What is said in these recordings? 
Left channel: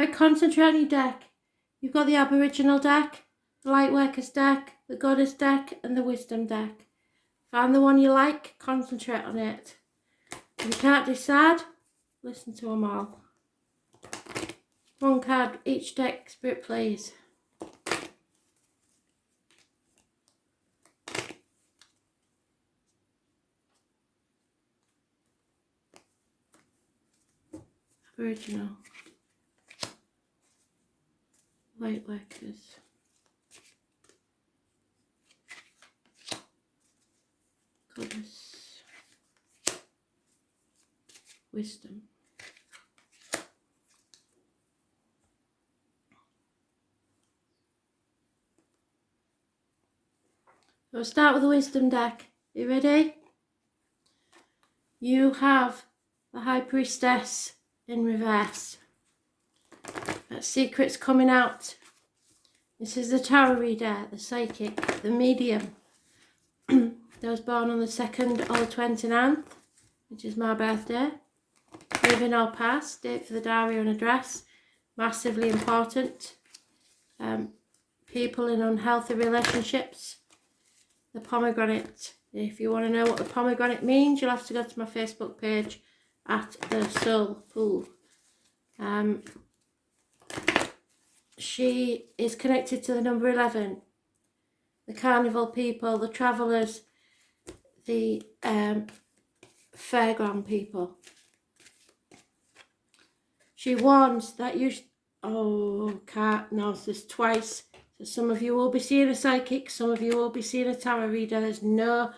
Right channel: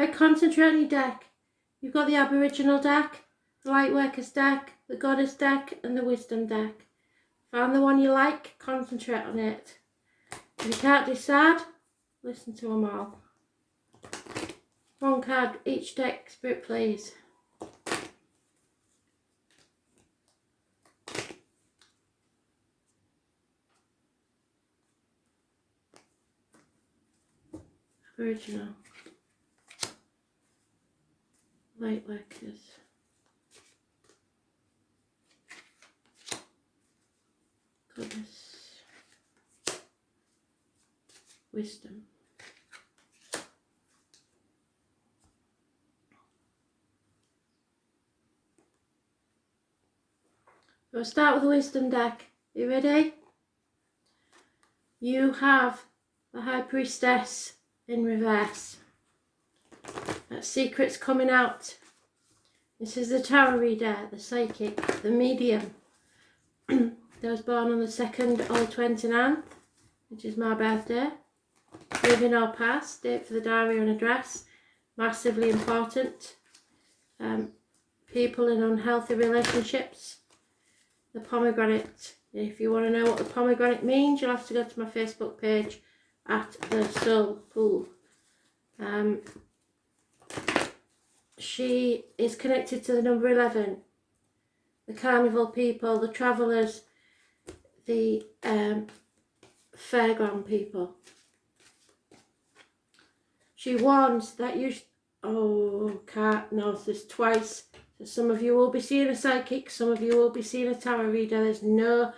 Right, concentrate on your deck. You've got the Aboriginal deck, the Lightworkers deck, the Goddess deck, and the Wisdom deck. Find the one you like, concentrate on it. If you can't decide, listen to them all. One card each deck, Spirit, please. Aboriginal. Lightworkers. Goddess. Wisdom. We'll start with the Wisdom deck. You ready? You have the High Priestess in reverse. That secret's coming out. This is the tarot reader, the psychic, the medium. Those born on the 2nd or the 29th, which is my birthday. Living or past, date for the diary and address. Massively important. People in unhealthy relationships. The pomegranate. If you want to know what the pomegranate means, you'll have to go to my Facebook page at the Soul Pool. She is connected to the number 11, the carnival people, the travellers, the fairground people. She warns that you... can't notice this twice. So some of you will be seeing a psychic, some of you will be seeing a tarot reader. There's no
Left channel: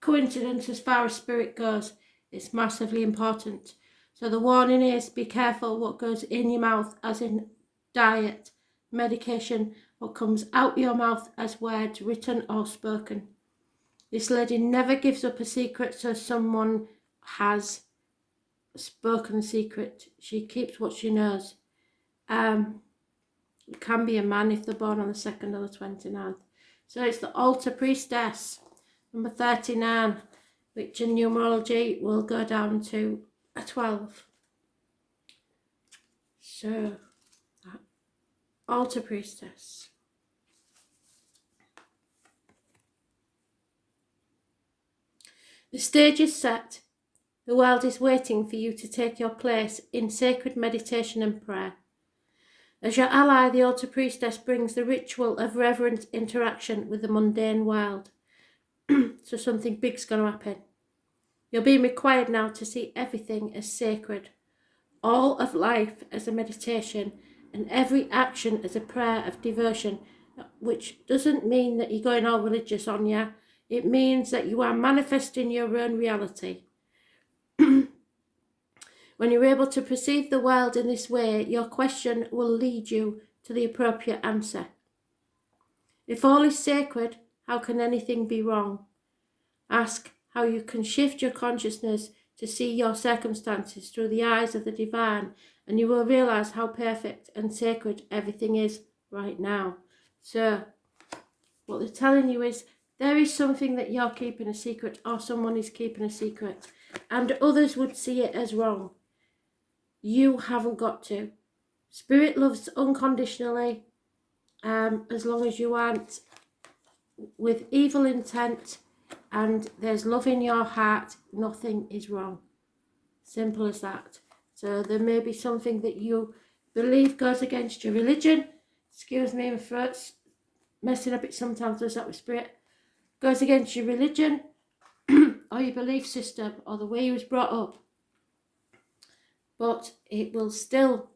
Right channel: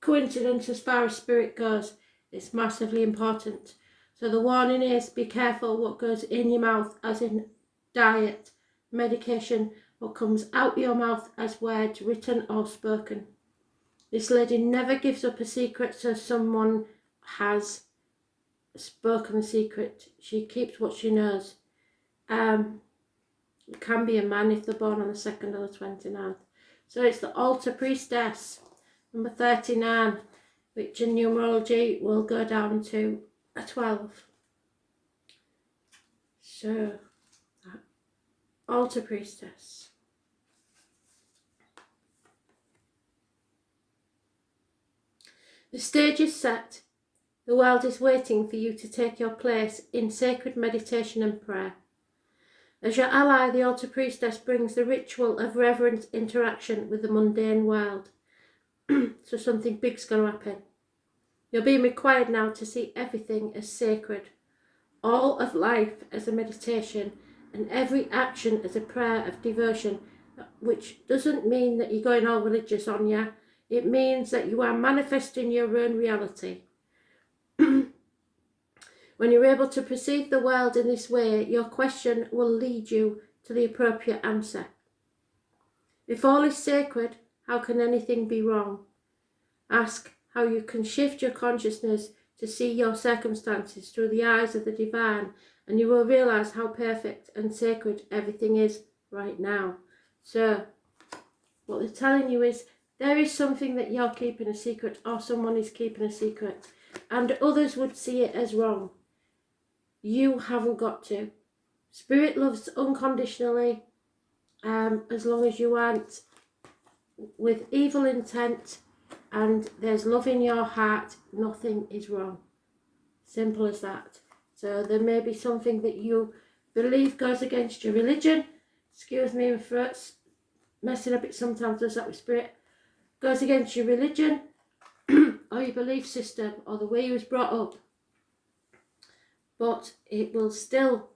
coincidence as far as spirit goes. It's massively important. So the warning is, be careful what goes in your mouth, as in diet, medication, what comes out your mouth as words, written or spoken. This lady never gives up a secret, so someone has spoken the secret. She keeps what she knows. It can be a man if they're born on the 2nd or the 29th. So it's the Altar Priestess, number 39, which in numerology will go down to a 12. So, Altar Priestess. The stage is set. The world is waiting for you to take your place in sacred meditation and prayer. As your ally, the Altar Priestess brings the ritual of reverent interaction with the mundane world. So something big's going to happen. You're being required now to see everything as sacred, all of life as a meditation, and every action as a prayer of devotion, which doesn't mean that you're going all religious on you. It means that you are manifesting your own reality. When you're able to perceive the world in this way, your question will lead you to the appropriate answer. If all is sacred, how can anything be wrong? Ask how you can shift your consciousness to see your circumstances through the eyes of the divine, and you will realize how perfect and sacred everything is right now. So, what they're telling you is, there is something that you're keeping a secret, or someone is keeping a secret, and others would see it as wrong. You haven't got to. Spirit loves unconditionally, as long as you aren't with evil intent and there's love in your heart, nothing is wrong. Simple as that. So there may be something that you believe goes against your religion. Excuse me, my throat's messing a bit sometimes, does that with spirit. Goes against your religion or your belief system or the way you was brought up. But it will still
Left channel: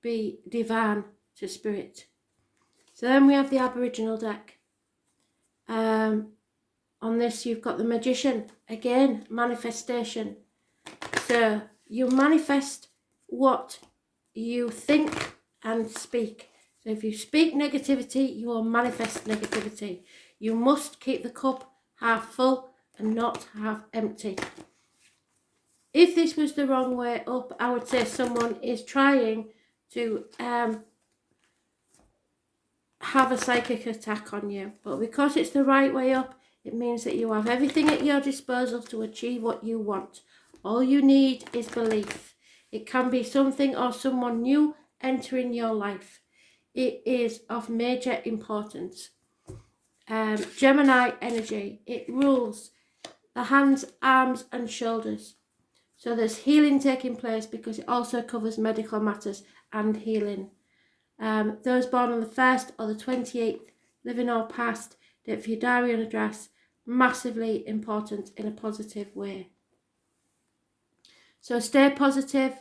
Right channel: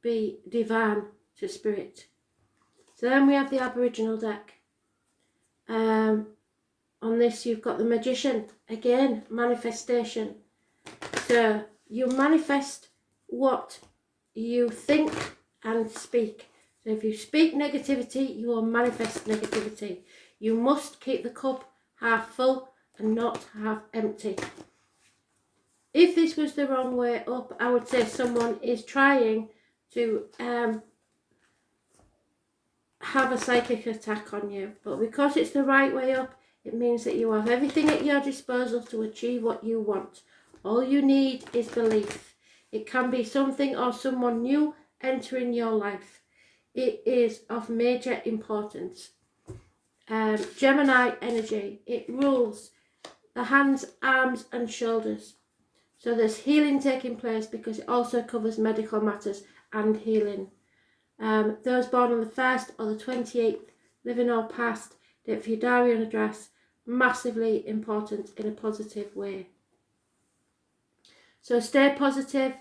be divine to spirit. So then we have the Aboriginal deck. On this you've got the Magician. Again, manifestation. So you manifest what you think and speak. So if you speak negativity, you will manifest negativity. You must keep the cup half full and not half empty. If this was the wrong way up, I would say someone is trying to have a psychic attack on you. But because it's the right way up, it means that you have everything at your disposal to achieve what you want. All you need is belief. It can be something or someone new entering your life. It is of major importance. Gemini energy, it rules the hands, arms and shoulders. So there's healing taking place because it also covers medical matters and healing. Those born on the 1st or the 28th, living or past, date for your diary and address, massively important in a positive way. So stay positive,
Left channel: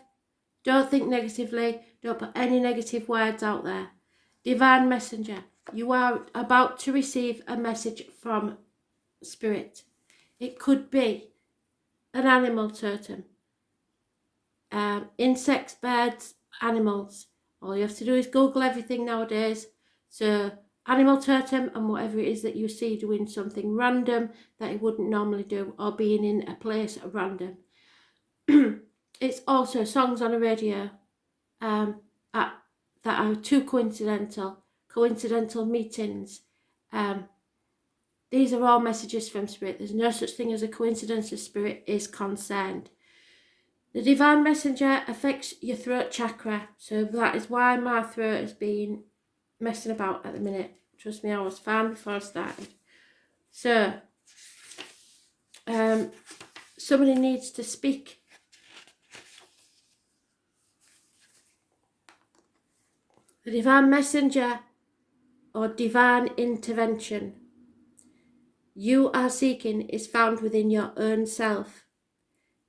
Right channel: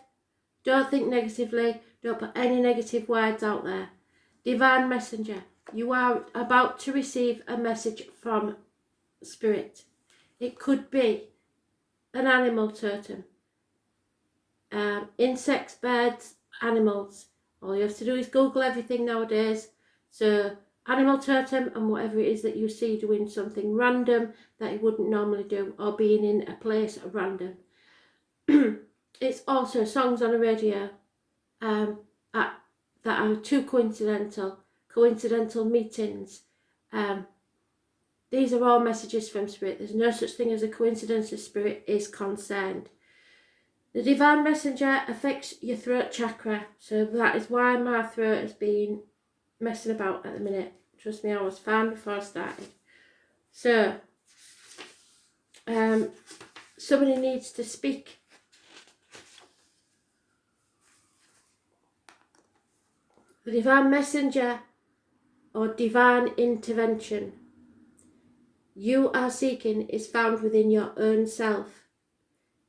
don't think negatively, don't put any negative words out there. Divine messenger, you are about to receive a message from spirit. It could be an animal totem, insects, birds, animals. All you have to do is Google everything nowadays. So animal totem and whatever it is that you see doing something random that it wouldn't normally do, or being in a place at random. It's also songs on a radio that are too coincidental meetings. These are all messages from spirit. There's no such thing as a coincidence as spirit is concerned. The divine messenger affects your throat chakra, so that is why my throat has been messing about at the minute. Trust me, I was fine before I started. So, somebody needs to speak. The divine messenger or divine intervention you are seeking is found within your own self.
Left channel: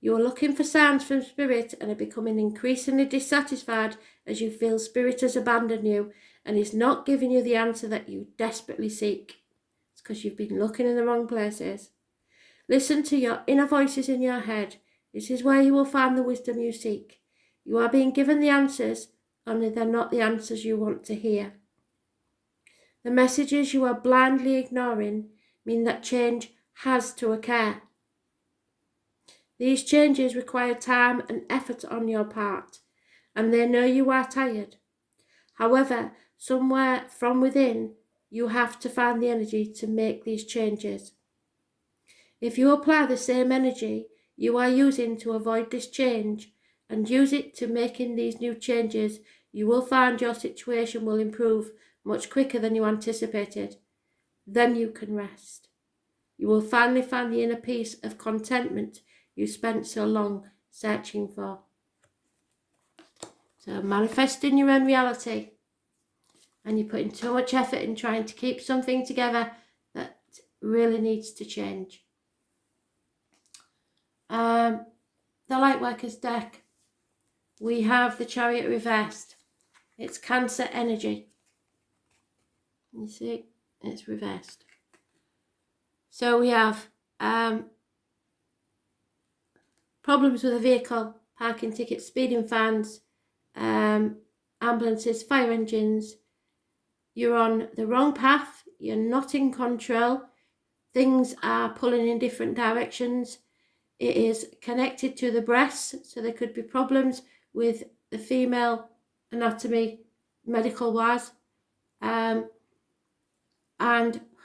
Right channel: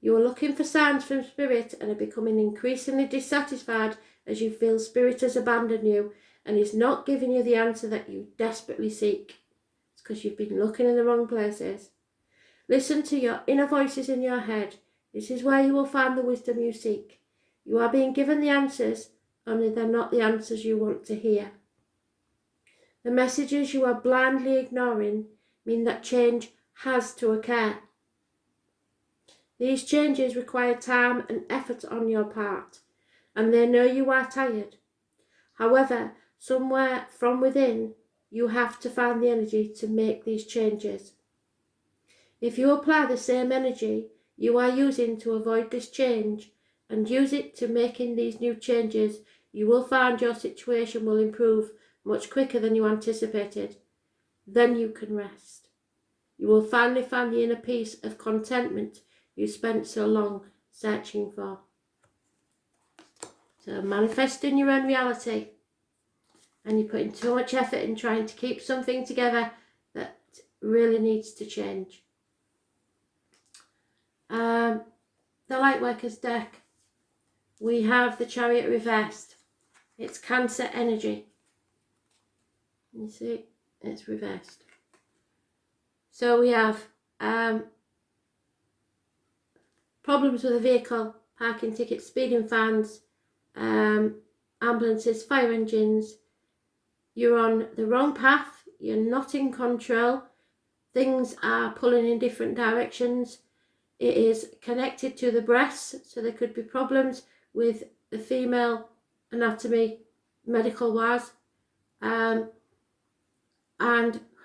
You are looking for signs from spirit and are becoming increasingly dissatisfied as you feel spirit has abandoned you and is not giving you the answer that you desperately seek. It's because you've been looking in the wrong places. Listen to your inner voices in your head. This is where you will find the wisdom you seek. You are being given the answers, only they're not the answers you want to hear. The messages you are blindly ignoring mean that change has to occur. These changes require time and effort on your part, and they know you are tired. However, somewhere from within, you have to find the energy to make these changes. If you apply the same energy you are using to avoid this change and use it to making these new changes, you will find your situation will improve much quicker than you anticipated. Then you can rest. You will finally find the inner peace of contentment you spent so long searching for. So manifesting your own reality, and you're putting too much effort in trying to keep something together that really needs to change. The Lightworkers deck, we have the Chariot reversed. It's Cancer energy. You see, it's reversed. So we have problems with a vehicle, parking tickets, speeding fines, ambulances, fire engines. You're on the wrong path, you're not in control, things are pulling in different directions. It is connected to the breasts, so there could be problems with the female anatomy, medical wise, and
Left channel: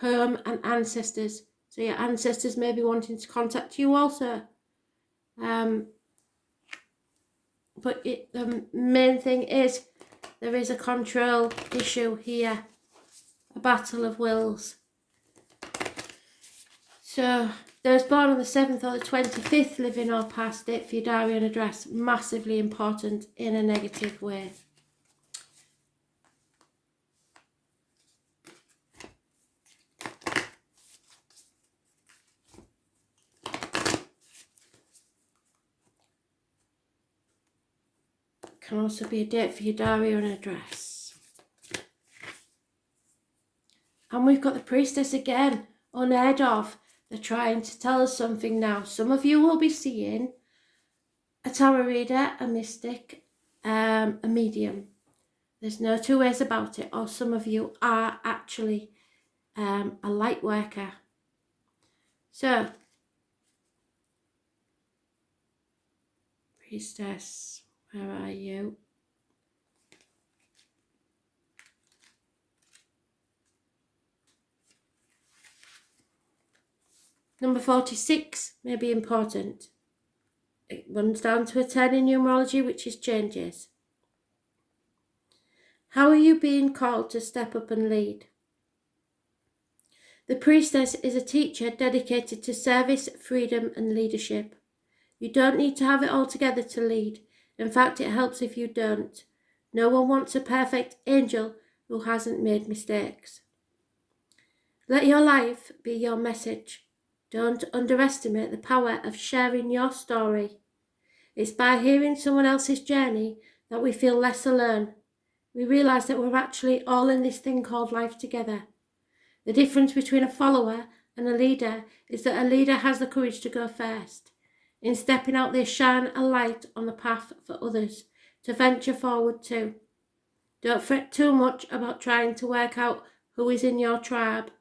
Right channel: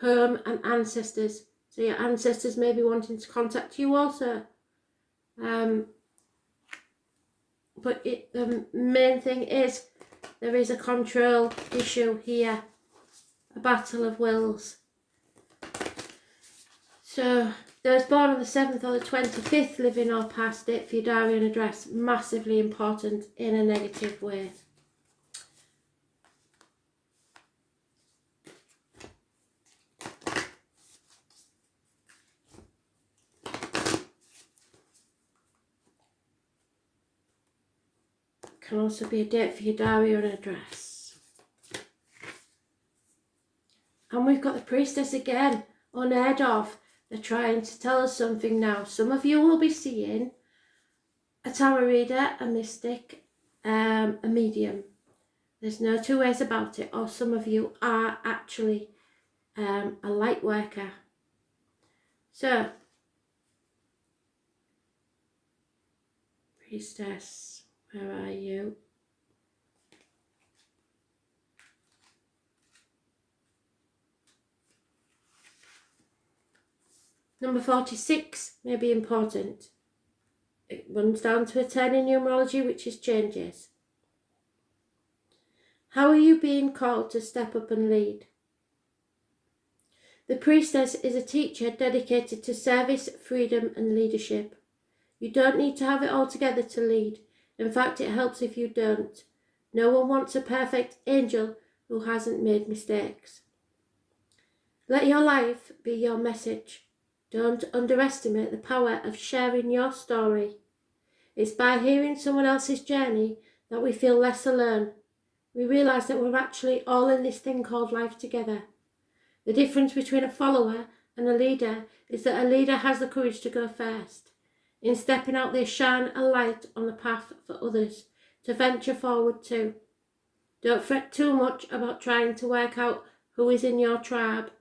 home and ancestors. So your ancestors may be wanting to contact you also. But the main thing is there is a control issue here, a battle of wills. So those born on the 7th or the 25th, living or past, date for your diary and address, massively important in a negative way. Can also be a date for your diary or an address. And we've got the Priestess again, unheard of. They're trying to tell us something now. Some of you will be seeing a tarot reader, a mystic, a medium. There's no two ways about it. Or some of you are actually a light worker. So, Priestess, where are you? Number 46 may be important. It runs down to a 10 in numerology, which is changes. you being called to step up and lead? The priestess is a teacher dedicated to service, freedom, and leadership. You don't need to have it all together to lead. In fact, it helps if you don't. No one wants a perfect angel who hasn't made mistakes. Let your life be your message. Don't underestimate the power of sharing your story. It's by hearing someone else's journey that we feel less alone. We realise that we're actually all in this thing called life together. The difference between a follower and a leader is that a leader has the courage to go first. In stepping out, they shine a light on the path for others to venture forward too. Don't fret too much about trying to work out who is in your tribe.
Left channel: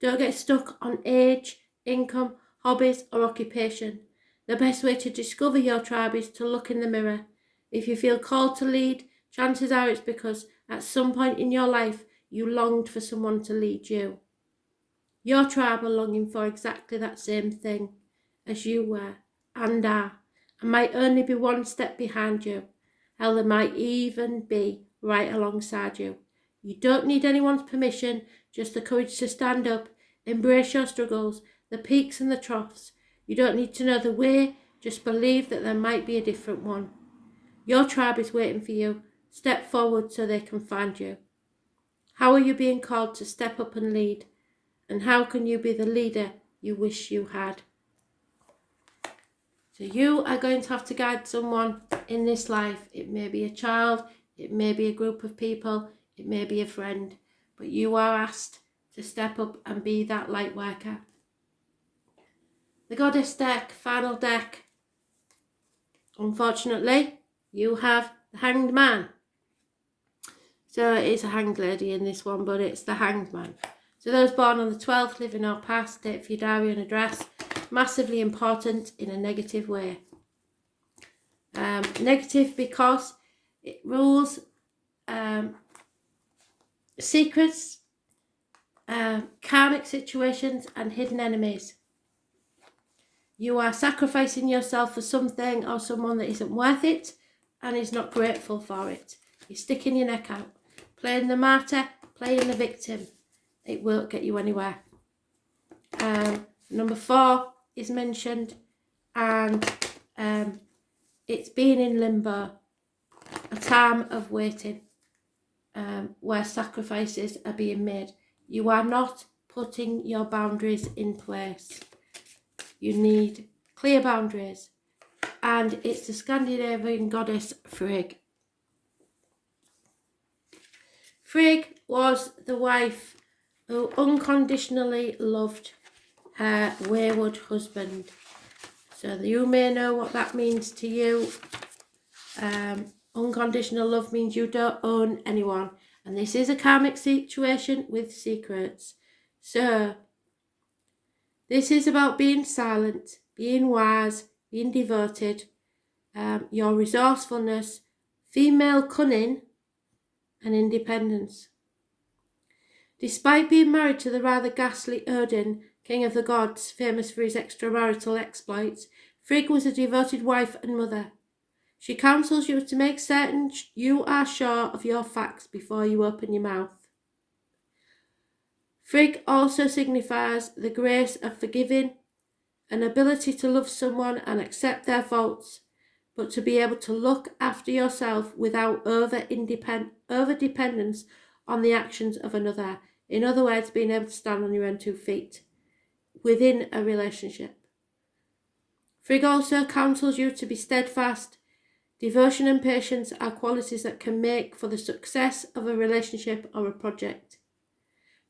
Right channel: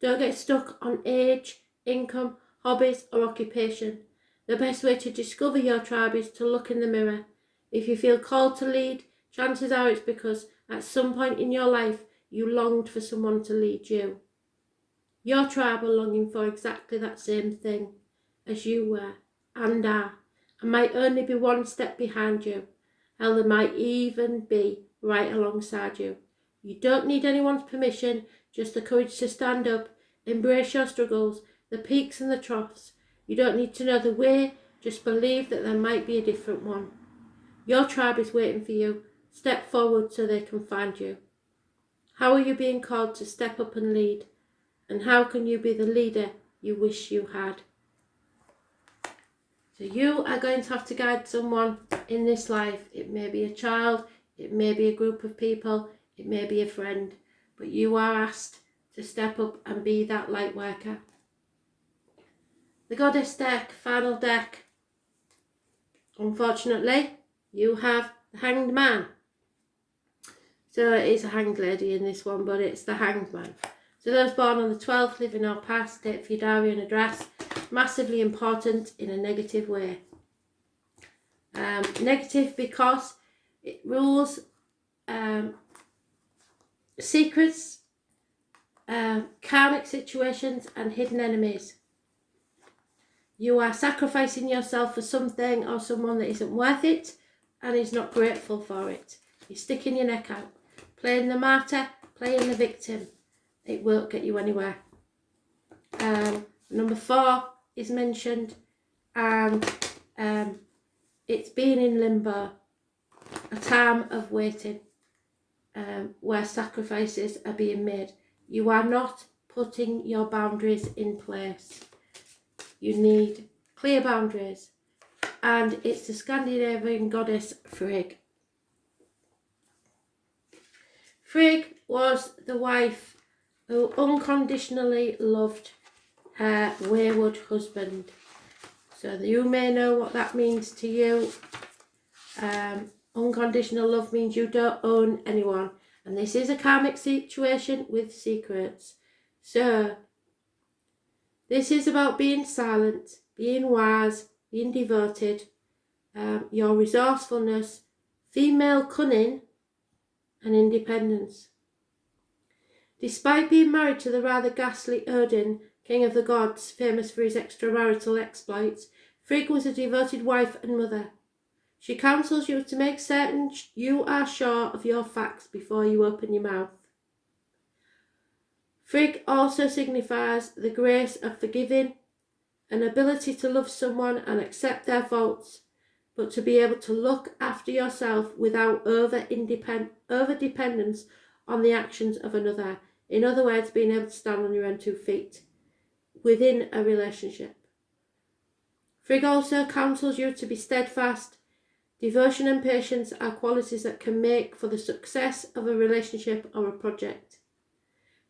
Don't get stuck on age, income, hobbies, or occupation. The best way to discover your tribe is to look in the mirror. If you feel called to lead, chances are it's because at some point in your life you longed for someone to lead you. Your tribe are longing for exactly that same thing as you were and are, and might only be one step behind you. Hell, they might even be right alongside you. You don't need anyone's permission, just the courage to stand up, embrace your struggles, the peaks and the troughs. You don't need to know the way, just believe that there might be a different one. Your tribe is waiting for you. Step forward so they can find you. How are you being called to step up and lead? And how can you be the leader you wish you had? So you are going to have to guide someone in this life. It may be a child, it may be a group of people, it may be a friend, but you are asked to step up and be that light worker. The Goddess deck, final deck. Unfortunately, you have the Hanged Man. So it's a hanged lady in this one, but it's the Hanged Man. So those born on the 12th, living or past, date for your diary and address. Massively important in a negative way. Negative because it rules secrets, karmic situations and hidden enemies. You are sacrificing yourself for something or someone that isn't worth it and is not grateful for it. You're sticking your neck out, playing the martyr, playing the victim. It won't get you anywhere. Number 4 is mentioned, and it's being in limbo, a time of waiting, where sacrifices are being made. You are not putting your boundaries in place. You need clear boundaries, and it's the Scandinavian goddess Frigg. Frigg was the wife who unconditionally loved her wayward husband. So you may know what that means to you. Unconditional love means you don't own anyone. And this is a karmic situation with secrets. So this is about being silent, being wise, being devoted, your resourcefulness, female cunning, and independence. Despite being married to the rather ghastly Odin, king of the gods, famous for his extramarital exploits, Frigg was a devoted wife and mother. She counsels you to make certain you are sure of your facts before you open your mouth. Frigg also signifies the grace of forgiving, an ability to love someone and accept their faults, but to be able to look after yourself without over-dependence on the actions of another. In other words, being able to stand on your own 2 feet within a relationship. Frigg also counsels you to be steadfast. Devotion and patience are qualities that can make for the success of a relationship or a project.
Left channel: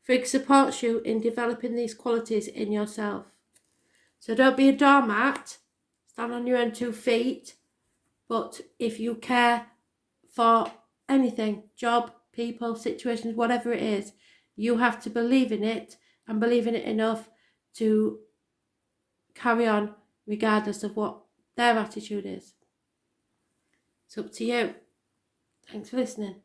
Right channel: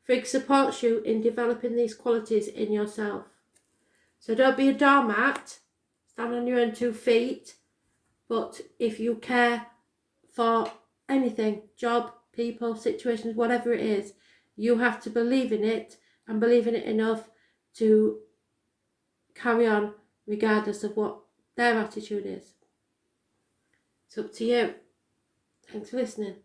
Frigg supports you in developing these qualities in yourself. So don't be a doormat, stand on your own 2 feet, but if you care for anything, job, people, situations, whatever it is, you have to believe in it and believe in it enough to carry on regardless of what their attitude is. It's up to you. Thanks for listening.